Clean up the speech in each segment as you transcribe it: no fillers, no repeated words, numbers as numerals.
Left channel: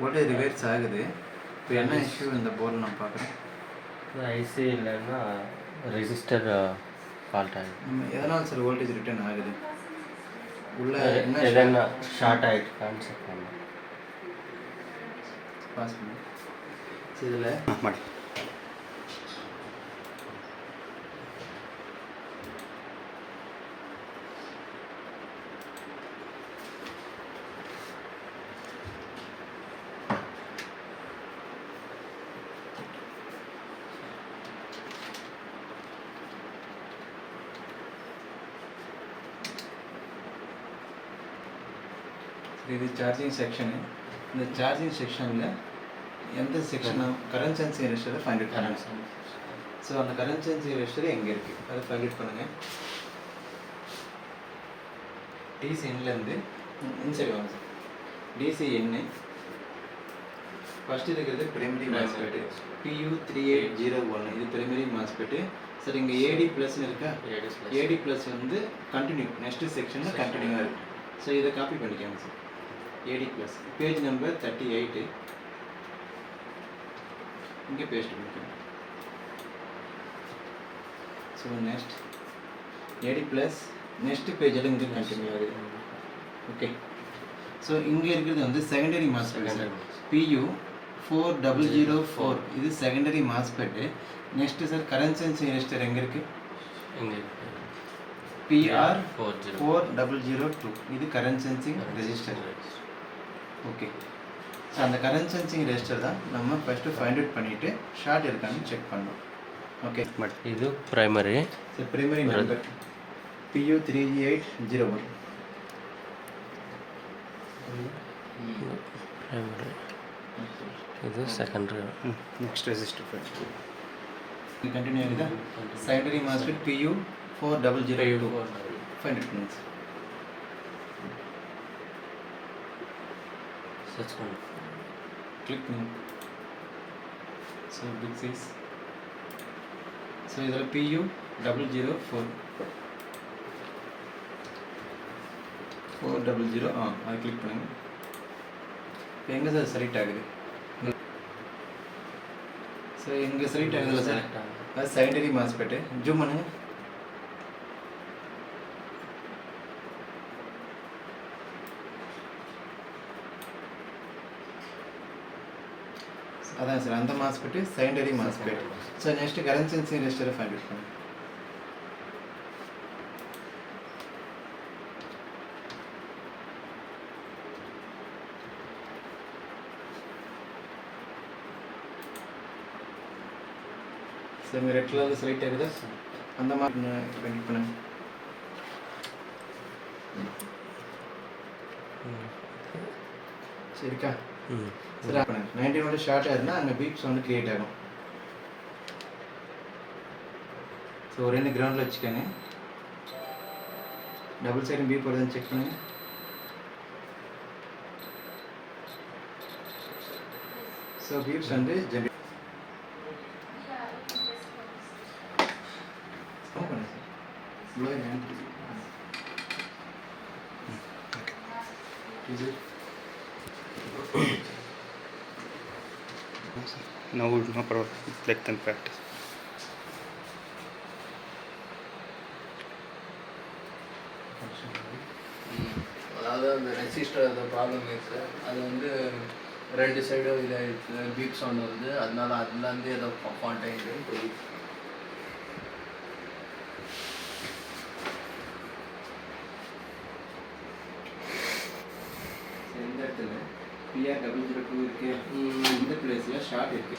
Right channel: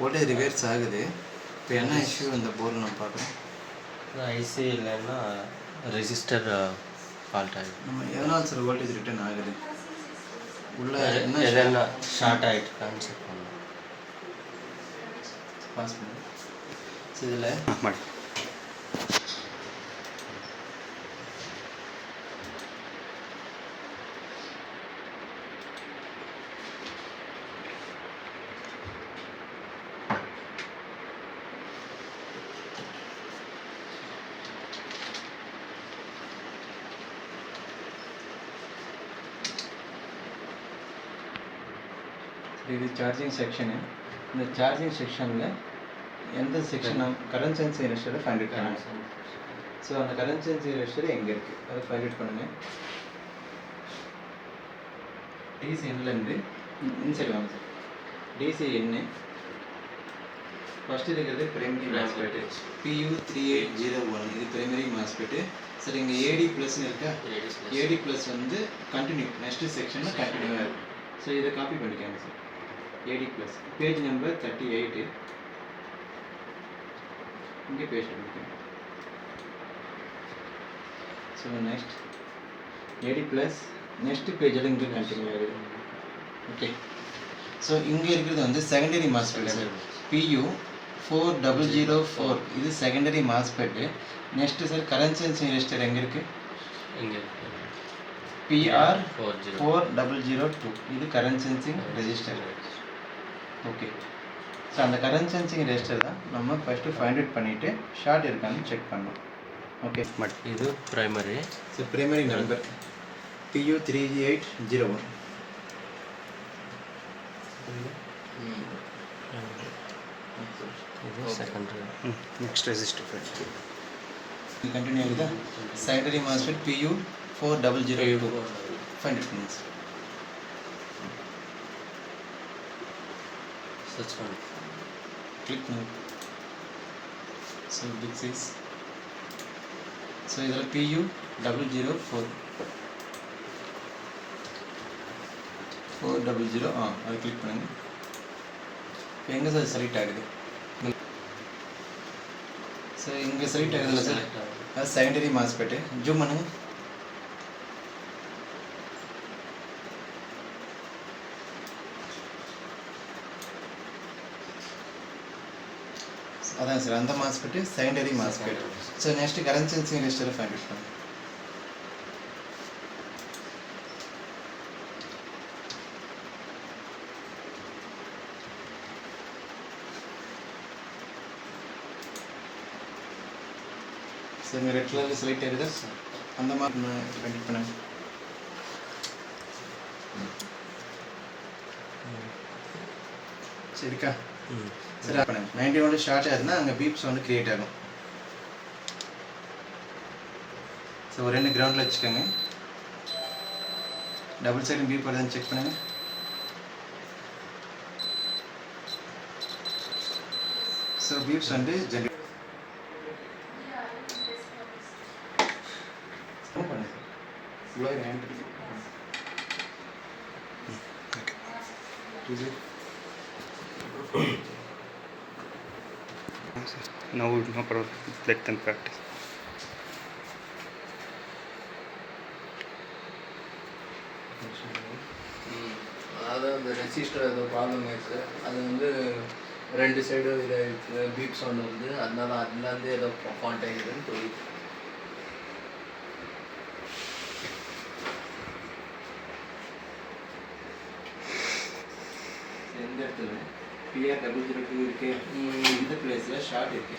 Voltage reverse ஆகுது. இப்போ என்ன இஷ்யூ இந்த போர்டில் நான் பார்க்குறேன். ஐசி இல்லைன்னா ரெஜிஸ்டர் ஃபால்ட் ஆகிடும். நம்ம எதனால் சார் வோல்டேஜ் ரிட்டர்ன் ஆகுது? உள்ள என்ன எதனா ஷார்ட் ஆகிட்டு செக் பண்ணலாம். பாஸ் பண்ண இதில் ಮಾಡಿ. இது சார்ஜிங் செக்ஷனு. இந்த சார்ஜிங் செக்ஷனில் எந்த செக்ஷன் கரண்ட் சென்சிங் ரெஜிஸ்டரை ஃபைண்ட் அவுட் பண்ணுங்கள். ஸோ அந்த கரண்ட் சென்சிங் ரெஜிஸ்டர் எங்கே இருக்குது அதை ஃபைண்ட் அவுட் பண்ணுங்கள். டிசி எண்ணிலேருந்து இன்சைட் வாங்க சார். டிசி எண்ணு ஃபஸ்ட்டு இருக்கிறது பிரைமரி மாஸ்பெட்டு PU3801. இது பிரைமரி மாஸ்பெட்டு. சார் இங்கே ஏடி ப்ளஸ்ன்னு இருக்கா? ஏடி ப்ளஸ் வந்து கண்டினியூ நெக்ஸ்ட்டு செக்ஷனில் கண்டினியூவாக இருக்கும். ஸோ இதை காப்பி பண்ணிக்காங்க sir. AD plus page number 38 இங்கே பேஸ்ட் பண்ணிக்கணும். So next AD plus next பேஜில் இங்கே கண்டினியூ ஆகுது. ஓகே. ஸோ இங்கே இருக்கிறது வந்து செகண்டரி மாஸ்பெட் சார். PU4004 இது secondary MOSFET. Next sir current sensing register எங்கே இருக்குது? இங்கே PR4002 இது current sensing register. Okay. So அந்த கரண்ட் சென்சிங் ரெஜிஸ்டர் தான் நம்ம ஃபஸ்ட்டு ஃபைண்ட் அவுட் பண்ணிவிட்டு ஷார்ட் இருக்கான்னு செக் பண்ணோம். ஓகே. இது primary. So primary number PU3801. இது secondary. Next register file continue ஆகுதா? Secondary MOSFET PU4002 find out பண்ணுங்க சார். சர்ச் பண்ணு. கிளிக் பண்ணுங்க. So pick 6. ஸோ இதில் PU004 400 அதை கிளிக் பண்ணுங்கள். இப்போ எங்கே சார் செலக்ட் ஆகுது? ஸோ இங்கே செலக்ட் ஆகுதுல்ல சார், அது செகண்டரி மாஸ்பெட்டு. ஜூம் பண்ணுங்கள். அதான் சார் அந்த MOSFET secondary MOSFET. So next current sensing ரெஜிஸ்டரை ஃபைண்ட் அவுட் பண்ணுங்க. சார் இங்கே ரெட் கலரில் செலக்ட் ஆகுதா? அந்த மாதிரி கண்டிப்பாக பண்ணுங்க. சரிக்கா? சரி பண்ணுங்க. 91 ஷார்ட் ஆகுதுன்னா அங்கே பீப்ஸ் வந்து கிரியேட் ஆகும். ஸோ ஒரு 2 கிரவுண்டில் வச்சுக்கோங்க. டபுள் சைடும் பீப் வருதுன்னு செக் பண்ணுங்க. ஸோ பீப்ஸ் வந்து ஜென்ரேட் பண்ணுங்க. இவ்வளோ ஹேண்ட் இது No problem. Let them practice. அதாவது அந்த ரெஜிஸ்டர் ஏதோ ப்ராப்ளம் இருக்குது. அது வந்து 2 சைடும் இதை பீப் சவுண்ட் வருது. அதனால அதுலேருந்து ஏதோ ஃபால்ட் ஆகிடுதுன்னு தெரியுது. எந்த இடத்துல PR002 இருக்கு, இந்த பிளேஸில் ஷார்ட் இருக்கு.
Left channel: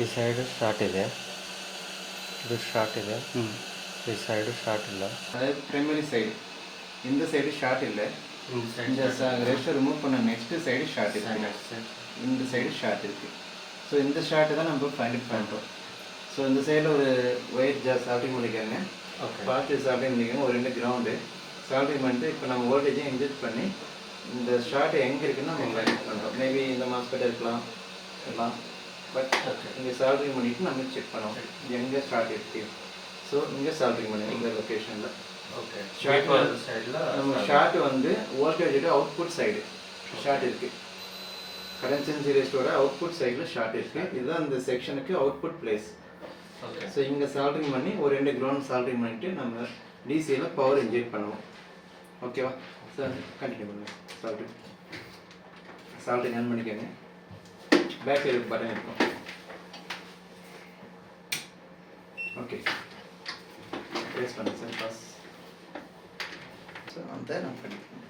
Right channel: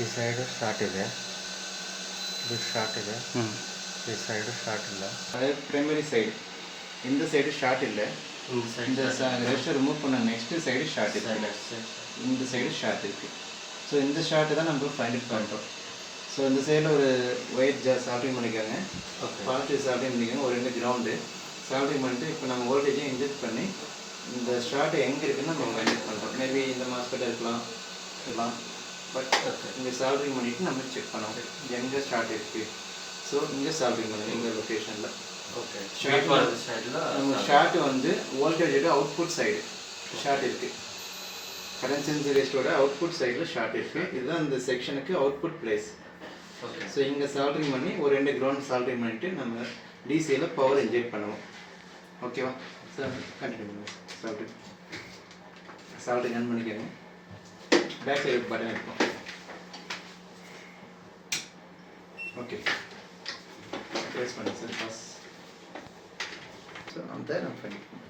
ಈ ಸೈಡು ಶಾರ್ಟ್ ಇದೆ, ಇದು ಶಾರ್ಟ್ ಇದೆ, ಹ್ಞೂ ಈ ಸೈಡು ಶಾರ್ಟ್ ಇಲ್ಲ. அதாவது பிரைமரி சைடு இந்த சைடு ஷார்ட் இல்லை, இந்த ரெஸ்ட்டை ரிமூவ் பண்ண நெக்ஸ்ட் சைடு ஷார்ட் இருக்குது, இந்த சைடு ஷார்ட் இருக்குது. ஸோ இந்த ஷார்ட்டு தான் நம்ம ஃபைண்ட் அவுட் பண்ணுறோம். ஸோ இந்த சைடில் ஒரு ஒயிட் ஜார் சால்ட்ரிங் பண்ணிக்கோங்க, பாசிட்டிவ் சால்ட்ரிங் பண்ணிக்கோங்க, ஒரு 2 கிரவுண்டு சால்ட்ரிங் பண்ணிட்டு இப்போ நம்ம வோல்டேஜை இன்ஜெக்ட் பண்ணி இந்த ஷார்ட் எங்கே இருக்குன்னு நம்ம ஃபைண்ட் அவுட் பண்ணுறோம். மேபி இந்த மாஸ்பெட்டாக இருக்கலாம், பட் இங்கே சால்ட்ரிங் பண்ணிவிட்டு நம்ம செக் பண்ணுவோம் எங்கே ஸ்டார்ட் இருக்குது. ஸோ இங்கே சால்ட்ரிங் பண்ணுங்க இந்த லொக்கேஷனில். ஓகே, சைடில் நம்ம ஷார்ட் வந்து வோல்டேஜோட அவுட்புட் சைடு ஷார்ட் இருக்குது, கரண்ட் சென்சி ரெஸ்டோட அவுட்புட் சைடில் ஷார்ட் இருக்குது. இதுதான் இந்த செக்ஷனுக்கு அவுட்புட் பிளேஸ். ஓகே. ஸோ இங்கே சால்ட்ரிங் பண்ணி ஒரு 2 கிரவுண்ட் சால்ட்ரிங் பண்ணிவிட்டு நம்ம டிசியில் பவர் இன்ஜெக்ட் பண்ணுவோம். ஓகேவா சார்? கண்டினியூ பண்ணுங்கள். சால்ட்ரிங் ஆன் பண்ணிக்கோங்க. பேக் சைடு பட்டன் இருக்கும். ஓகே, ப்ரெஸ் பண்ணுங்க சார். பாஸ். ஸோ அந்த நம்ம பண்ணிக்கலாம்.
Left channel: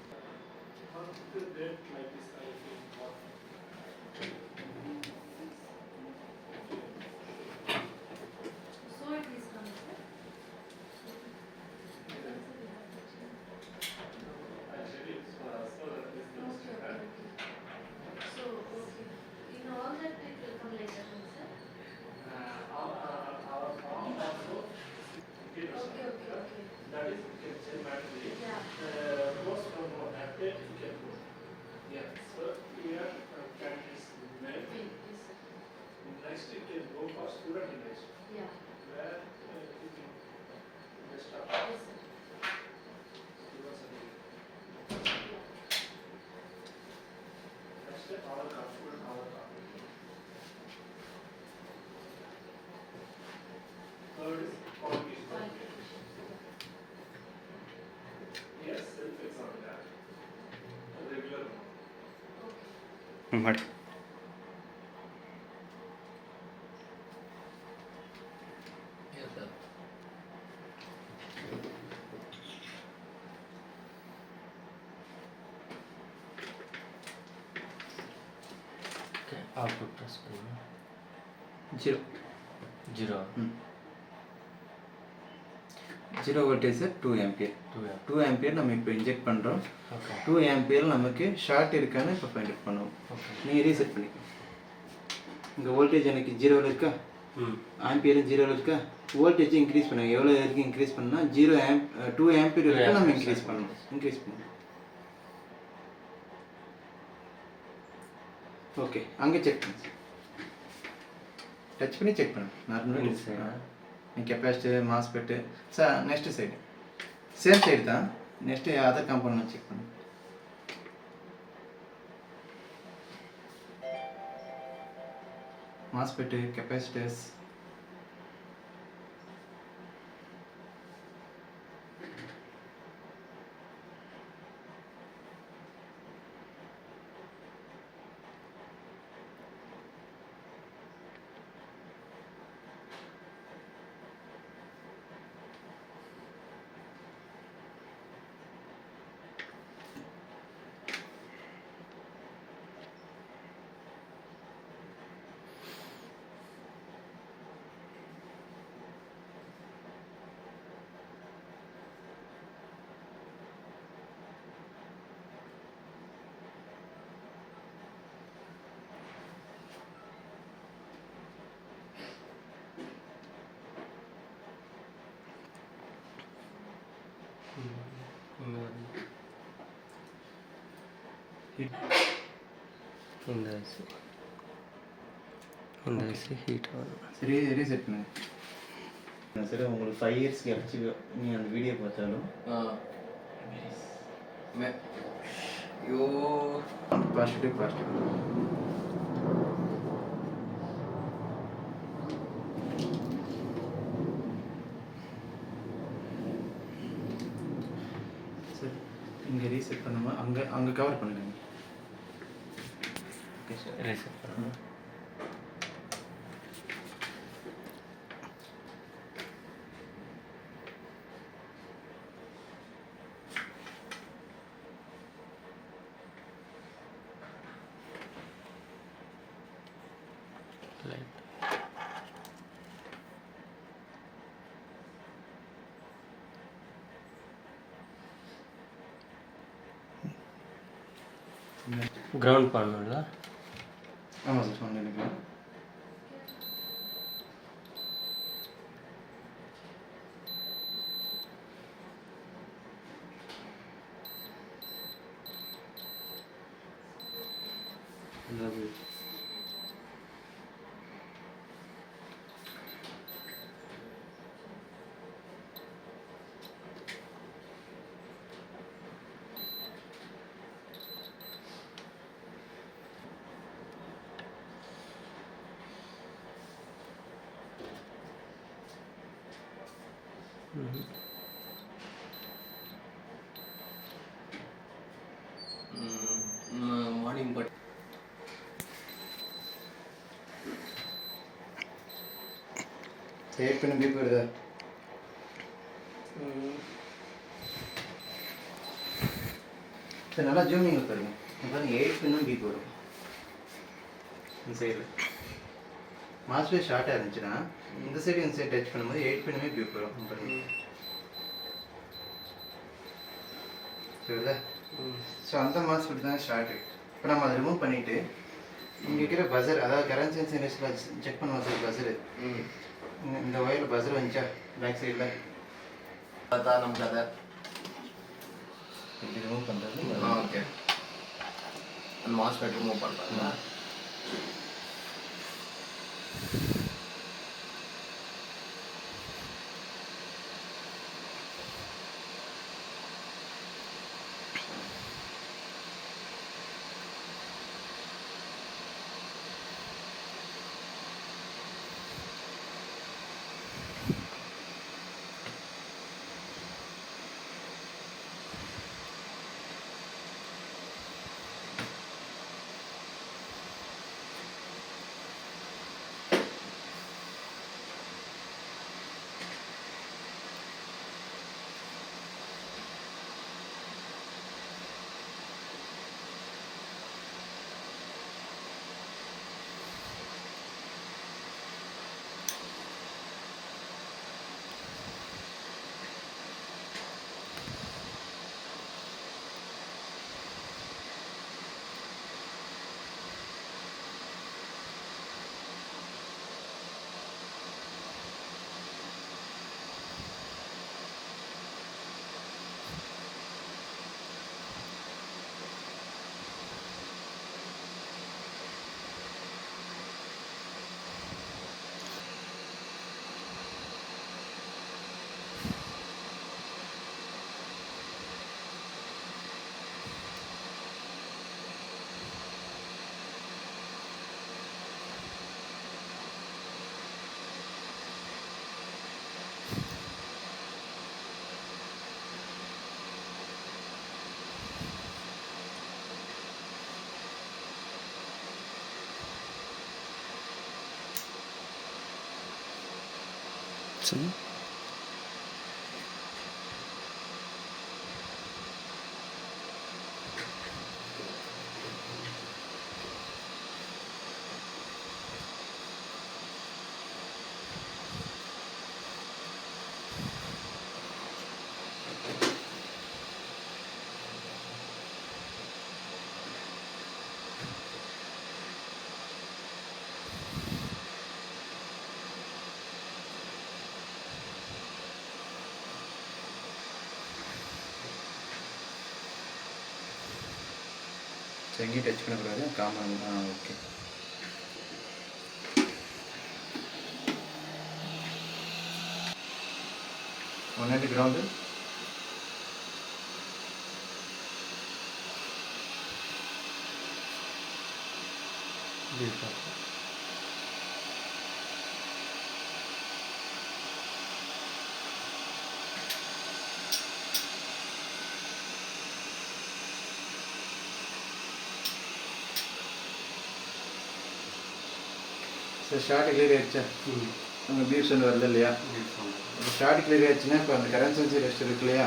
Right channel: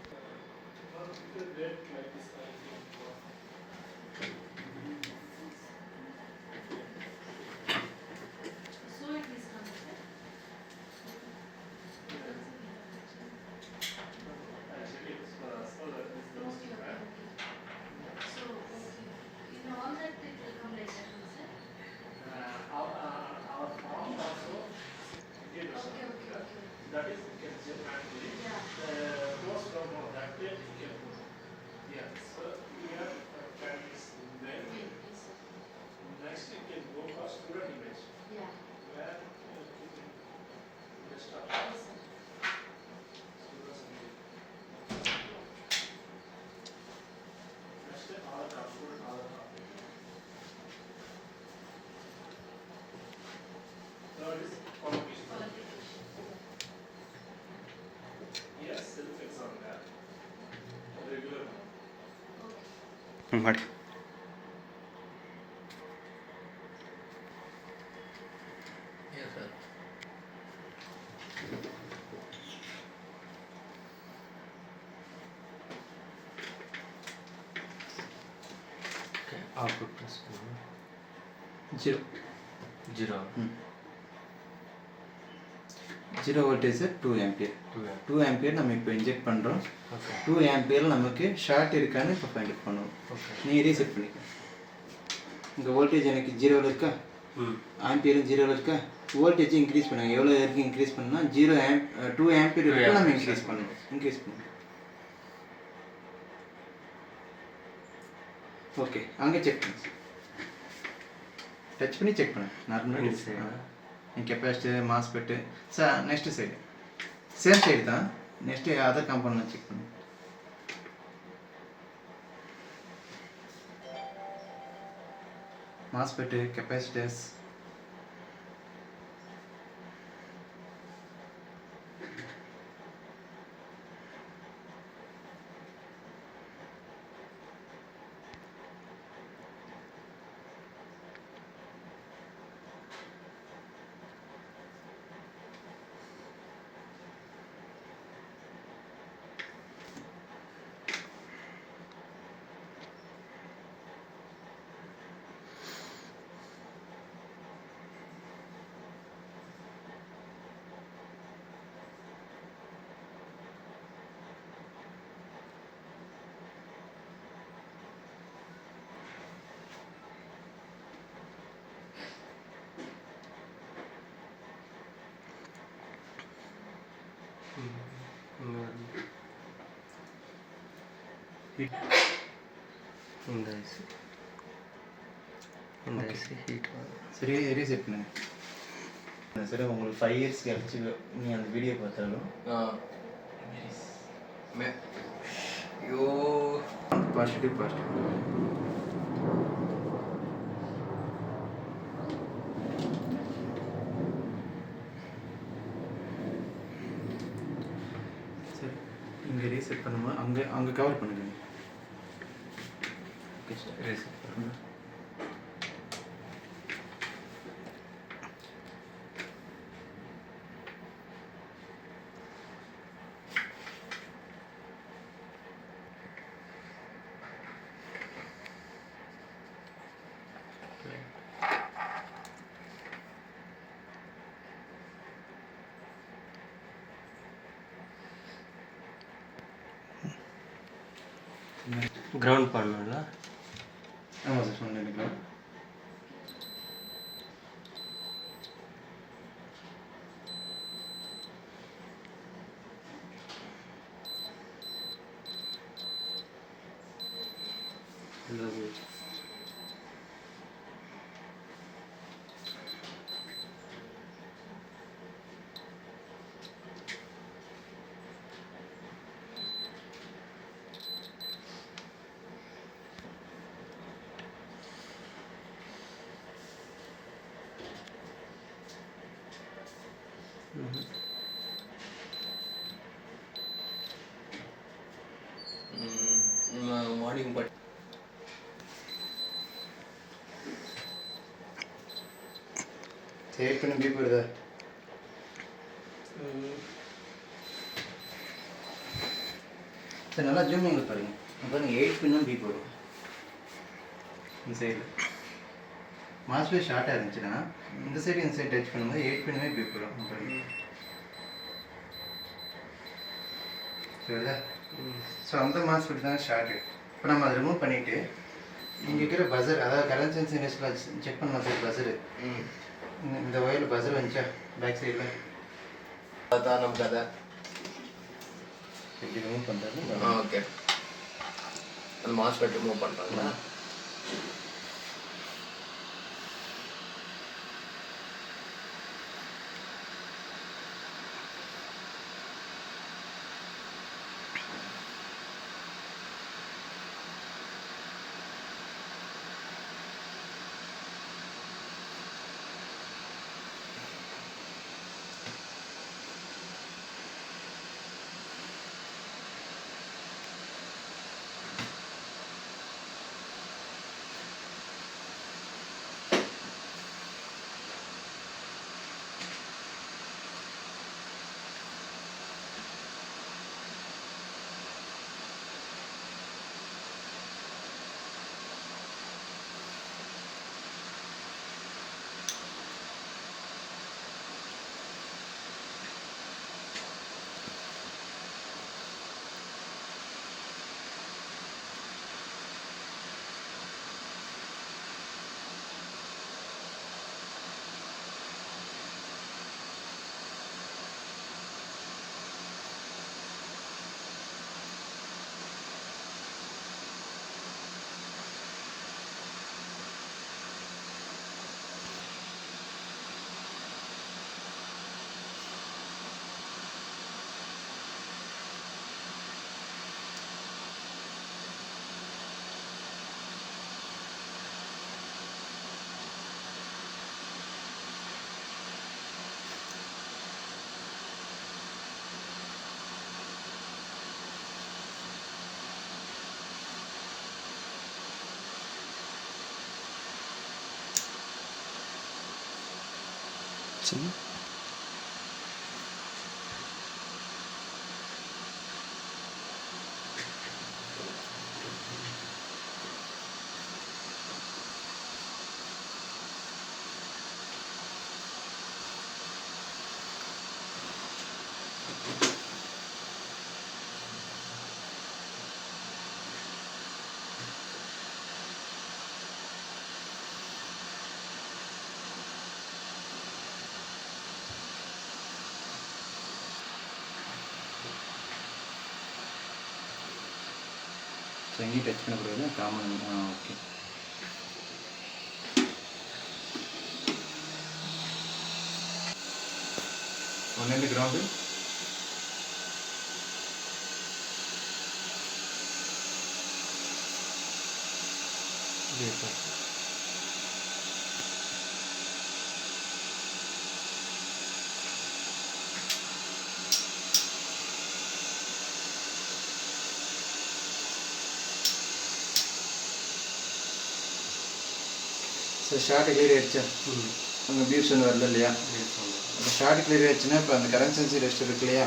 ಮಾಡಿ. ಔಟ್ಪುಟ್ ಪ್ರೆಸ್ பண்ணு. 0 வோல்டேஜ் 2 ஆம்பியர். 2 ஆம்பியர் நம்ம இப்போ இன்ஜெக்ட் பண்ணுறோம். 2 ஆம்பியர் நமக்கு ஷார்ட் இருக்கான்னு இப்போ ஃபைண்ட் அவுட் பண்ணுவோம். நீ ரீசெட் பண்ணிக்க. இங்கே வோல்டேஜ் எனக்கு 0வில் இருக்கா, ஆம்பியரும் 0வில் இருக்கா. வோல்டேஜ் இன்க்ரீஸ் பண்ணுங்க. எவ்வளோ வரைக்கும் இன்க்ரீஸ் பண்ணால் 2 ஆம்பியர் வரைக்கும் நம்ம இன்க்ரீஸ் பண்ணணும். ஓகே, அங்கே செக் பண்ணு. டச் பண்ணி செக் பண்ணு. நார்மலாக capacitor, MOSFET. Sir next side same side தான். நெக்ஸ்ட்டு அதர் காம்பவுண்ட் செக் பண்ணு. மாஸ்பெட்டு, கெப்பாசிட்டர்ஸ், இந்த ஐசி ஹீட் ஆகும். சரி ரீசெட் பண்ணுங்க. சரி, உங்களுக்கு 5 இயர்ஸ் கழிச்சு நீ அந்த வீடியோ பார்த்தாலும் ஐயோ பாசிட்டிவ் சரி, இங்கே ரீசெட் பண்ணுமா? அங்கே கவர் பண்ணுங்க. ஓகே சார், ரீசெட் பண்ணு. கிரவுண்ட் பண்ணணும்ல. ஆமாம் சார் ஒன்று நினைக்கிறேன். மார்னிங் பட் ஏற்கனவே பீப் வருதா? சார் நல்லா ஜூமிங் பாருங்க. பாருங்க 8 பின்னும் பீப் வரும் இந்த சைடில். மாஸ்டர் ஷார்ட்டாக இருந்துச்சுன்னா இந்த சைடு இந்த சைடு டச் பண்ணும்போது 8 பின்னுமே பீப் வரும் பாருங்க. சரிதா? ஸோ அந்த மாஸ்பெட் தான் ஷார்ட்டு. இப்போ நம்ம அதை ரிமூவ் பண்ணிவிட்டு இங்கே இருக்கிற பஸர், அதாவது கரண்ட் சென்ஸ் இண்டஸ்ட்ரியில் செக் பண்ணுவோம் சார் பஸரு. இந்த ஒயரில் பஸர் வந்துச்சா பேக் சைடில் அதான் நம்ம கதை. எப்படி ரிமூவ் பண்ணுறது? ஓகே, அந்த மாஸ்பெட் ரிமூவ் பண்ணுறாங்க. சரி. ஸோ எங்கேயும் டச் பண்ணக்கூடாது. காமன். ஓகே. ஒன்று கிரவுண்டு. ஸோ ஷார்ட் கிளியர் ஆகிடுச்சா? உங்கள் பீப் சொன்ன வரல இல்லையா? அந்த ஷார்ட் கிளியர் ஆகிடுச்சுன்னா இப்போ அந்த கரண்ட் சென்சி ரெஸ்டர் இருக்கு இல்லையா,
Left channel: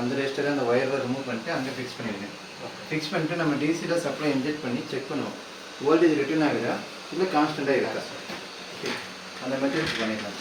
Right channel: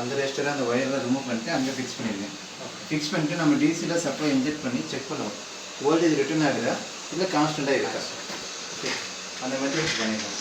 அந்த ரெஸ்டரை அந்த ஒயரில் ரிமூவ் பண்ணிட்டு அங்கே ஃபிக்ஸ் பண்ணிடுங்க. ஃபிக்ஸ் பண்ணிட்டு நம்ம டிசியில் சப்ளை இன்ஜெக்ட் பண்ணி செக் பண்ணுவோம். வோல்டேஜ் ரிட்டர்ன் ஆகுதா இல்லை கான்ஸ்டண்ட்டாக இருக்கா. அந்த மெத்தட்ஸ் பண்ணிடலாம்.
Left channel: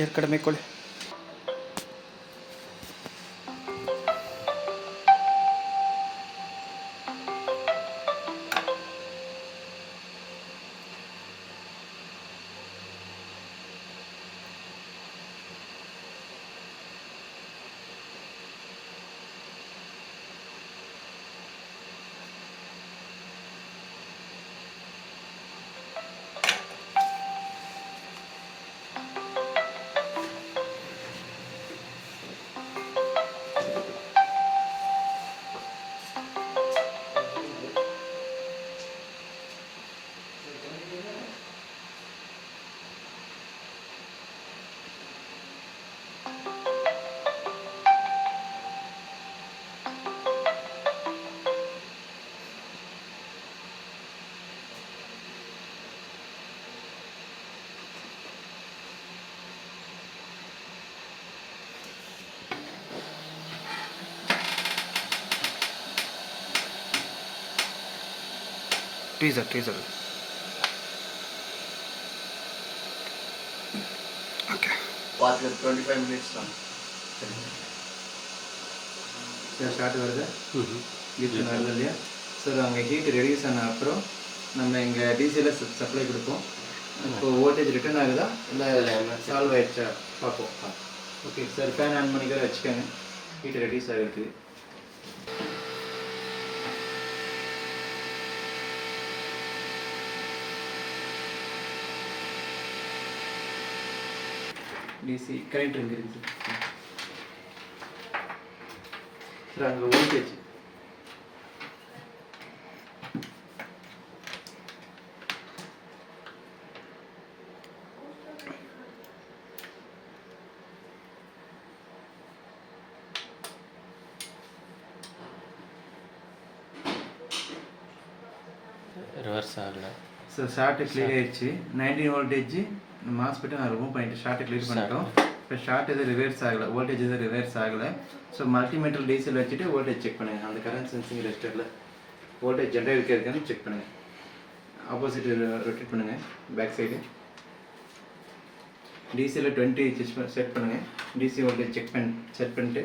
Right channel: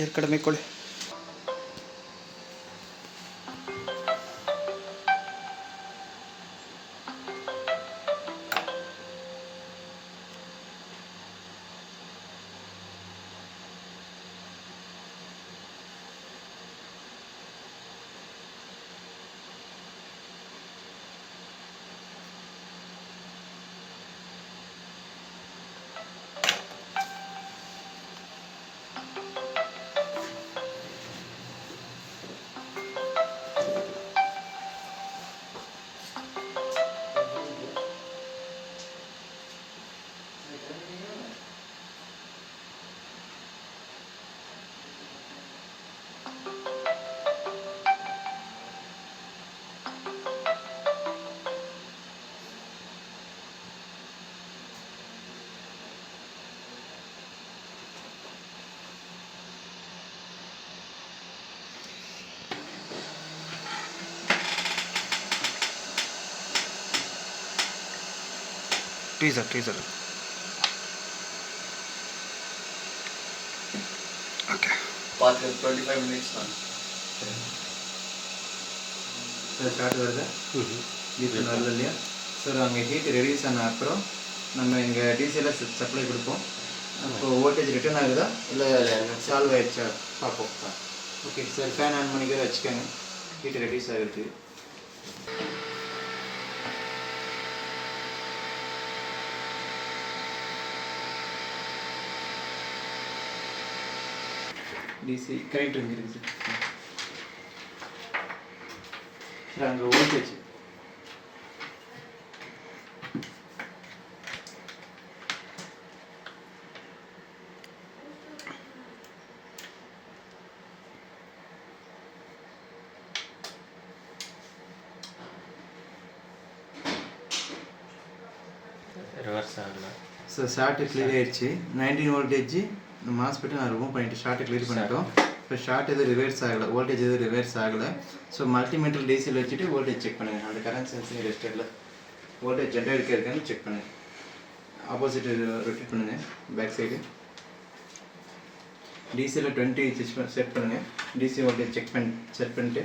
ಏರ್ ಕಡಿಮೆ ಇಟ್ಕೊಳ್ಳಿ. Teaser okay. பார்த்து 25 மினிட்ஸ் தான் ஸ்டார்ட் வருது. இப்போ வருது இல்லையா? ஸோ அங்கே ஹீட் ரெடியூஸ் ஆன அப்புறம் நம்ம இங்கே டிசியில் சப்ளை கொடுப்போம். இப்போ வோல்டேஜ் ரிட்டர்ன் ஆகுதா இல்லை சால்வ் ஆகிடுச்சா பார்ப்போம். ஓகே சார், ஃபேன் ஆன் பண்ணிக்கிற வச்சுக்கோங்க. ஹீட் ரெடியூஸ் ஆகுது. டிசி கரெக்ட் இருக்குது சார். அங்கே வோல்டேஜ் ரிவர்ஸ் ஆகல. ஸோ ஷார்ட்டு கிளியர் ஆயிடுச்சு. 19 வோல்டேஜ் மாஸ்பெட்டு நான் ரிமூவ் பண்ணிட்டு ஷார்ட்டை கிளியர் பண்ணிட்டோம். இப்போ ஷார்ட் எதுவும் ரிவர்ஸ் ஆகலை, வோல்டேஜ் எதுவும் ரிவர்ஸ் ஆகலை. ஸோ மல்டிமீட்டர் டிசியில் வச்சுட்டு வோல்டேஜ் செக் பண்ணுங்கள். அந்த கரண்ட் சென்சிங் ரெஜிஸ்டரில் வோல்டேஜ் ஜென்ரேட் இருக்கான்னு செக் பண்ணுங்கள். ஆப்போசிட் ரொட்டேட் பண்ணுங்கள் பேக் சைடு. டிசியில் 20 செட் பண்ணுங்கள். டிசி வோல்டேஜ் செட் பண்ணிட்டு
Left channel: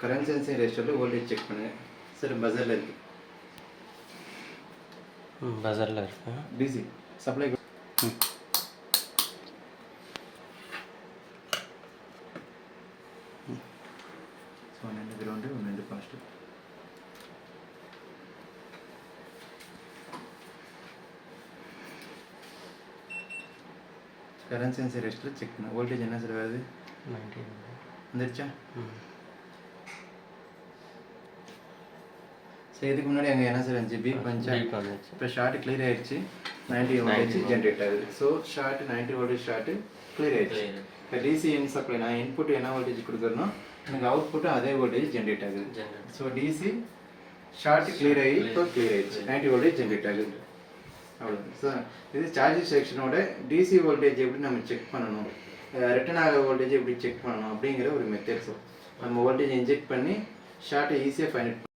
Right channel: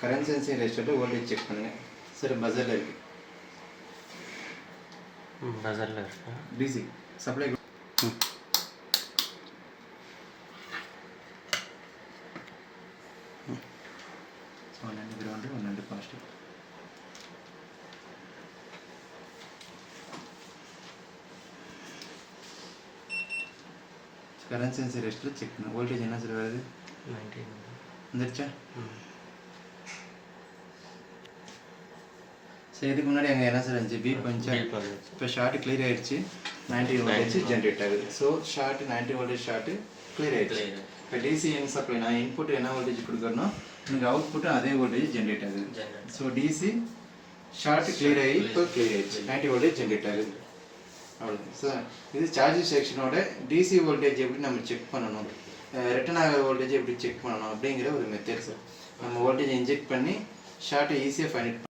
கரண்ட் சென்சிங் ரெஜிஸ்டரில் வோல்டேஜ் செக் பண்ணுங்கள். சரி பஸரில் இருக்குது. பஸரில் இருக்கு. டிசி சப்ளை ஒன்று கிரவுண்டு ஒன்று பாசிட்டிவ். கரண்ட் சென்சிங் ரெஜிஸ்டரில் செக் பண்ணு. வோல்டேஜ் என்ன சார் வருது? 19 வந்துருச்சா? ஸோ இதுக்கு முன்னாடி அங்கே என்ன சார் இருந்துச்சு? பீப் வந்துச்சா? வந்துச்சு. இப்போ ஷார்ட் கிளியர் ஆயிடுச்சு. 90 வோல்டேஜ் ஜென்ரேட் ஆகுது. So short 90 voltage short clear ஆயிடுச்சு. இப்போ டிசி இன் சப்ளை நான் இன்புட் என்ன வோல்டேஜ் கொடுக்குறனோ எனக்கு அவுட்புட்டும் அதே வோல்டேஜ் ஜென்ரேட் ஆகுது. ஸோ டிசி ஷார்ட் கிளியர் ஆகி இப்போ கிளியர் ஆயிடுச்சு. 90 வோல்டேஜ் ஜென்ரேட் ஆகுது. அவ்வளோதான் சார். இது சார்ஜிங் செக்ஷனோட டிசி வோல்டேஜ் எப்படி நம்ம செக் பண்ணணும், ரிட்டர்ன் ஆகிற வோல்டேஜ் எப்படி செக் பண்ணணும் அப்படிங்கிற ஒரு மெத்தட் சார். நம்ம வோல்டேஜ் இன்ஜெக்ட் பண்ணி ஷார்ட்டை ஈஸியாக ஃபைண்ட்